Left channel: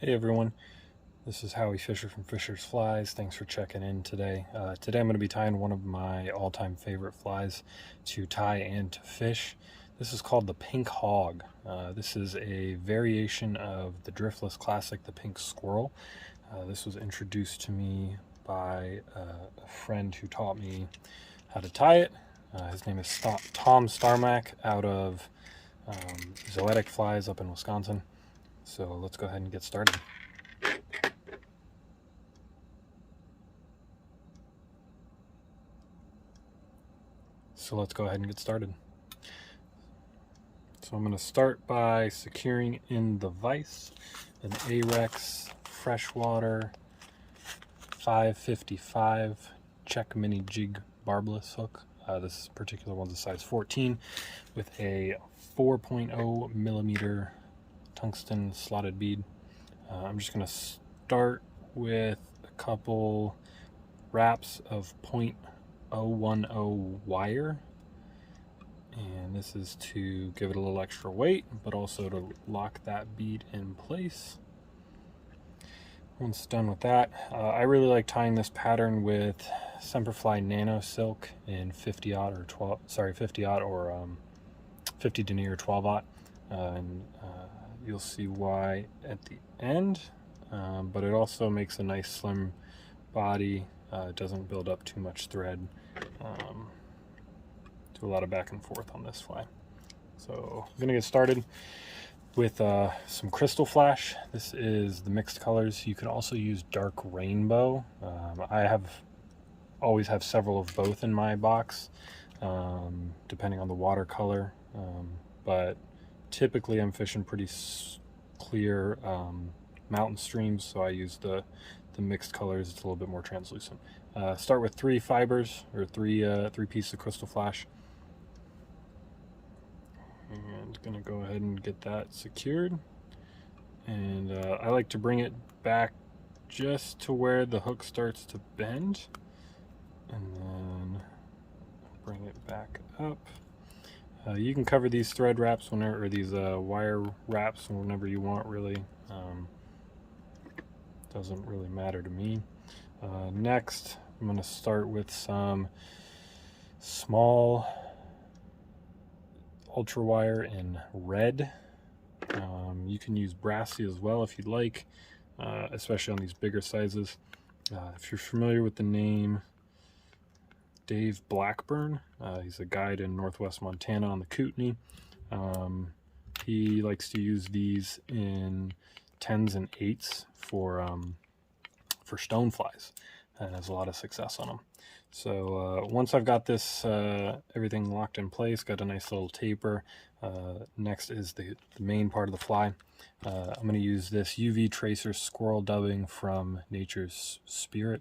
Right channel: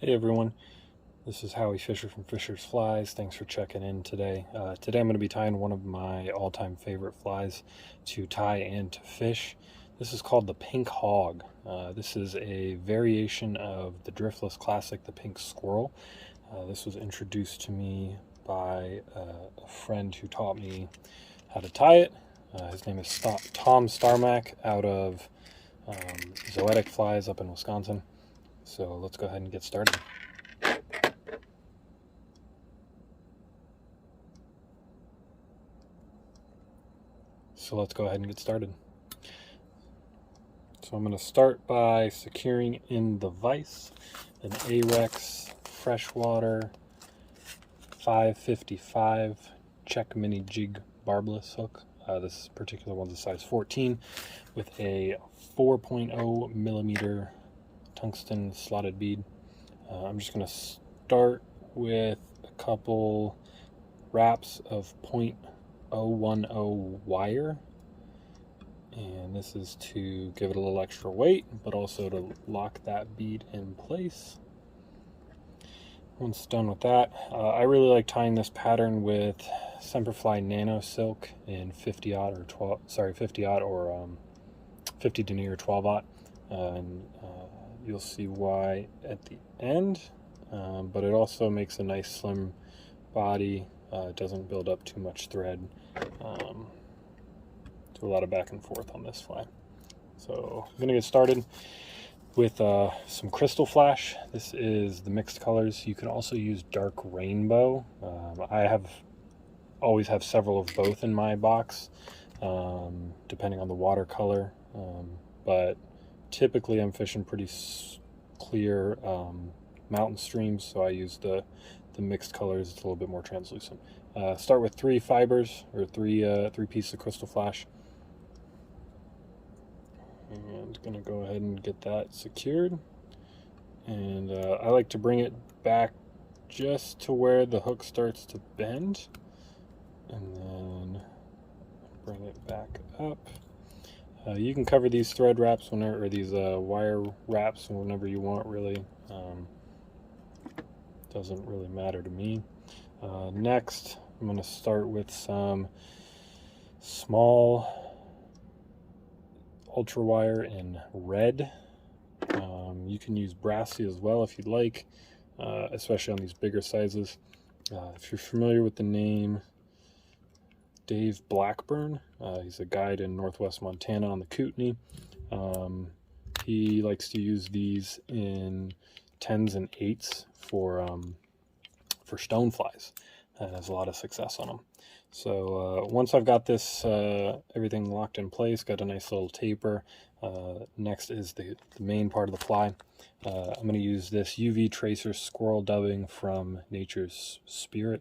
Hey everyone, this is Howie Fisher from Fisher's Flies. Thanks for checking in today. Today I'm going to be tying one of my all-time favorite flies to tie and to fish. This is called the Pink Hog. This is a variation of the driftless classic, the Pink Squirrel. This was introduced to me by a friend who taught me how to tie it. His name is Tom Starmack out of Zoetic Flies up in Wisconsin. So let's go ahead and get started. So I'm going to start by securing in the vise an Ahrex freshwater 555 check mini jig barbless hook. This particular one's a size 14 with a 4.0 millimeter tungsten slotted bead. I'm just going to start with a couple wraps of 0.010 wire, and this is to give it a little extra weight but also to lock that bead in place. Once done with that, I really like tying this pattern with Semperfli Nano silk in 50-aught or 50-aught or 50 denier 12-aught. You'll see why at the end, but it also makes a nice slim body. It doesn't build up too much thread. Do a lot of back and forth on this fly. So I'm gonna get started with some Krystal Flash. This is the mixed colors. You can also use dark rainbow. I always have several of both in my box, depending on the watercolor, but typically I'm fishing pretty clear mountain streams, so I use the mixed colors. It's a little bit more translucent. Start with 3 fibers, or three pieces of Krystal Flash, and gonna go ahead and get that secured. And I like to bring it back just to where the hook starts to bend, and then bring it back up. You can cover these thread wraps whenever, or these wire wraps whenever you want, really. Doesn't really matter to me. Next, I'm going to start with some small ultra wire in red. You can use brassy as well if you'd like, especially on these bigger sizes. If you're familiar with the name Dave Blackburn, he's a guide in northwest Montana on the Kootenai. He likes to use these in 10s and 8s for stoneflies, and has a lot of success on them. So once I've got this everything locked in place, got a nice little taper, next is the main part of the fly. I'm going to use this UV tracer squirrel dubbing from Nature's Spirit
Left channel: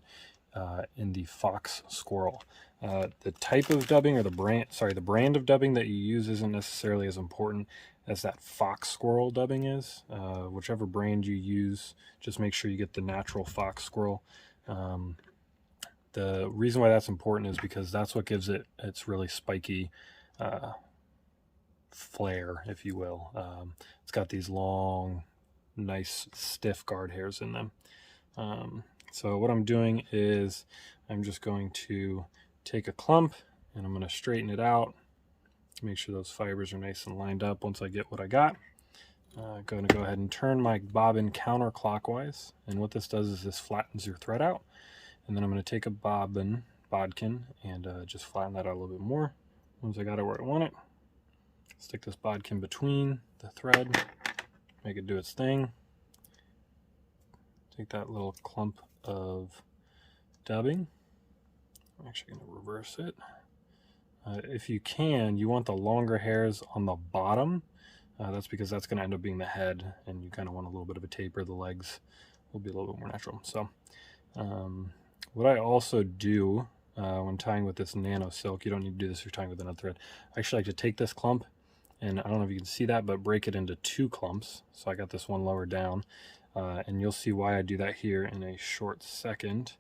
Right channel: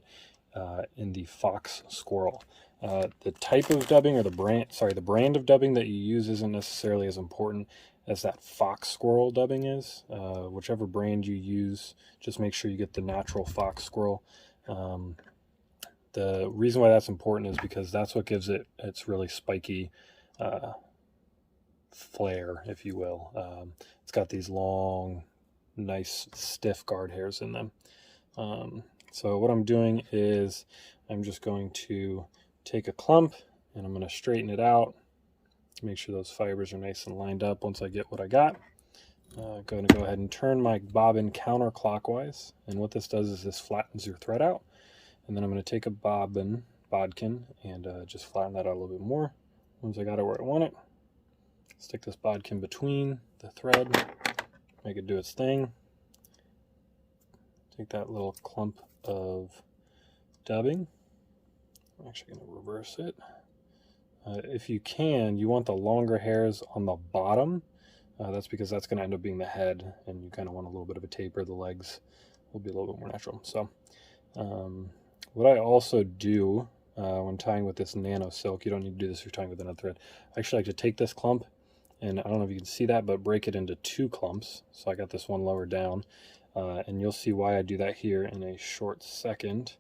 in the Fox Squirrel. The type of dubbing, or the brand of dubbing that you use isn't necessarily as important as that Fox Squirrel dubbing is. Whichever brand you use, just make sure you get the natural Fox Squirrel. The reason why that's important is because that's what gives it its really spiky flare, if you will. It's got these long, nice, stiff guard hairs in them. So what I'm doing is I'm just going to take a clump and I'm going to straighten it out, make sure those fibers are nice and lined up. Once I get what I got, I'm going to go ahead and turn my bobbin counterclockwise, and what this does is this flattens your thread out. And then I'm going to take a bodkin and just flatten that out a little bit more. Once I got it where I want it, stick this bodkin between the thread, make it do its thing. Take that little clump of dubbing. I'm actually going to reverse it. If you can, you want the longer hairs on the bottom. That's because that's going to end up being the head, and you kind of want a little bit of a taper. The legs will be a little bit more natural. So what I also do when tying with this Nano silk, you don't need to do this if you're tying with another thread. I actually like to take this clump, and I don't know if you can see that, but break it into 2 clumps. So I got this one lower down, and you'll see why I do that here in a short second.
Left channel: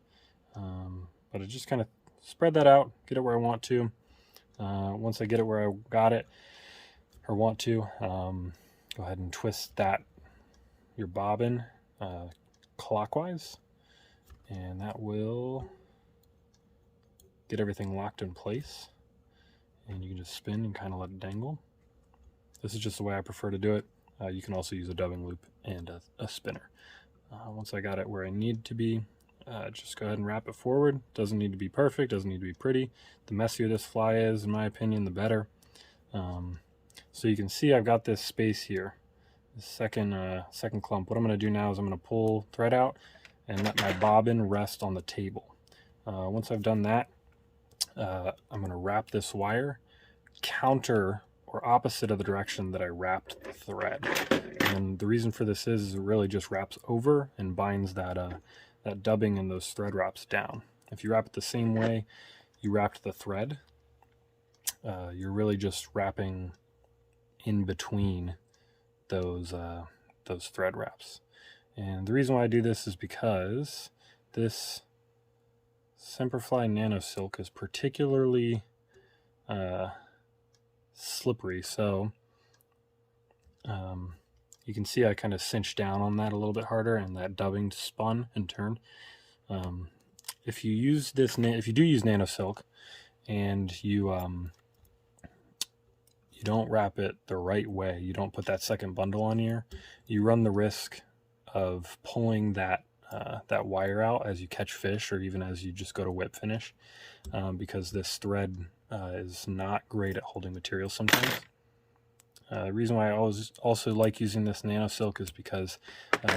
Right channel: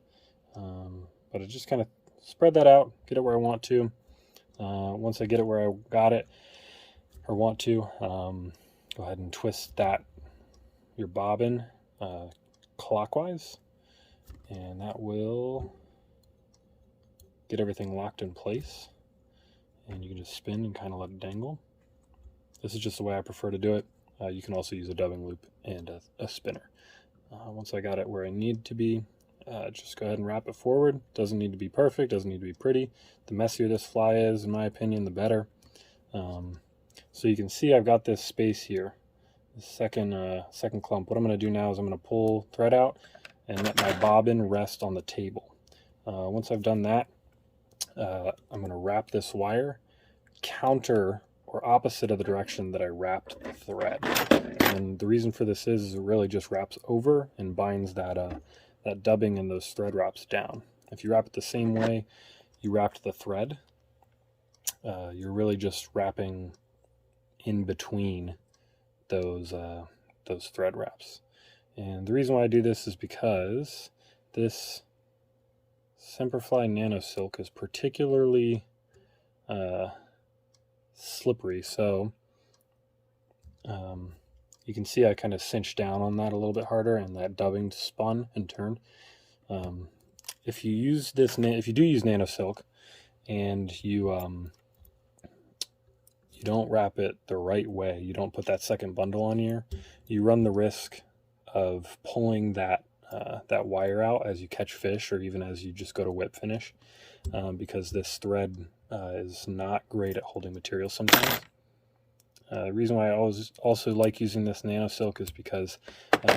But I just kind of spread that out, get it where I want to. Once I get it where I got it or want to, go ahead and twist your bobbin clockwise, and that will get everything locked in place. And you can just spin and kind of let it dangle. This is just the way I prefer to do it. You can also use a dubbing loop and a spinner. Once I got it where I need to be, just go ahead and wrap it forward. Doesn't need to be perfect, doesn't need to be pretty. The messier this fly is, in my opinion, the better. So you can see I've got this space here, the second clump. What I'm going to do now is I'm going to pull thread out and let my bobbin rest on the table. Once I've done that, I'm going to wrap this wire counter or opposite of the direction that I wrapped the thread. And the reason for this is it really just wraps over and binds that dubbing and those thread wraps down. If you wrap it the same way you wrapped the thread, you're really just wrapping in between those thread wraps. And the reason why I do this is because this Semperfli Nano Silk is particularly slippery, so you can see I kind of cinched down on that a little bit harder, and that dubbing spun and turned. If you do use Nano Silk and you don't wrap it the right way, you don't put that second bundle on here, you run the risk of pulling that wire out as you catch fish, or even as you just go to whip finish, because this thread is not great at holding material sometimes. The reason why I always also like using this Nano Silk is because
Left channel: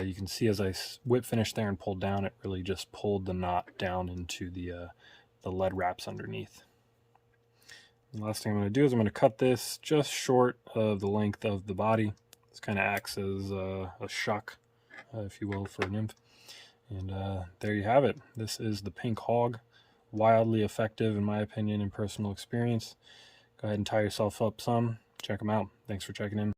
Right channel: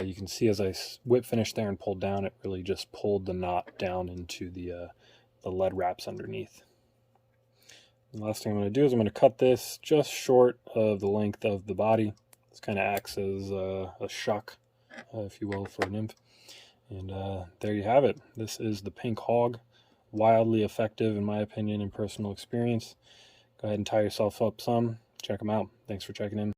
you can see as I whip finish there and pulled down, it really just pulled the knot down into the lead wraps underneath. The last thing I'm going to do is I'm going to cut this just short of the length of the body. This kind of acts as a shuck, if you will, for a nymph. And there you have it. This is the pink hog. Wildly effective, in my opinion, and personal experience. Go ahead and tie yourself up some. Check them out. Thanks for checking in.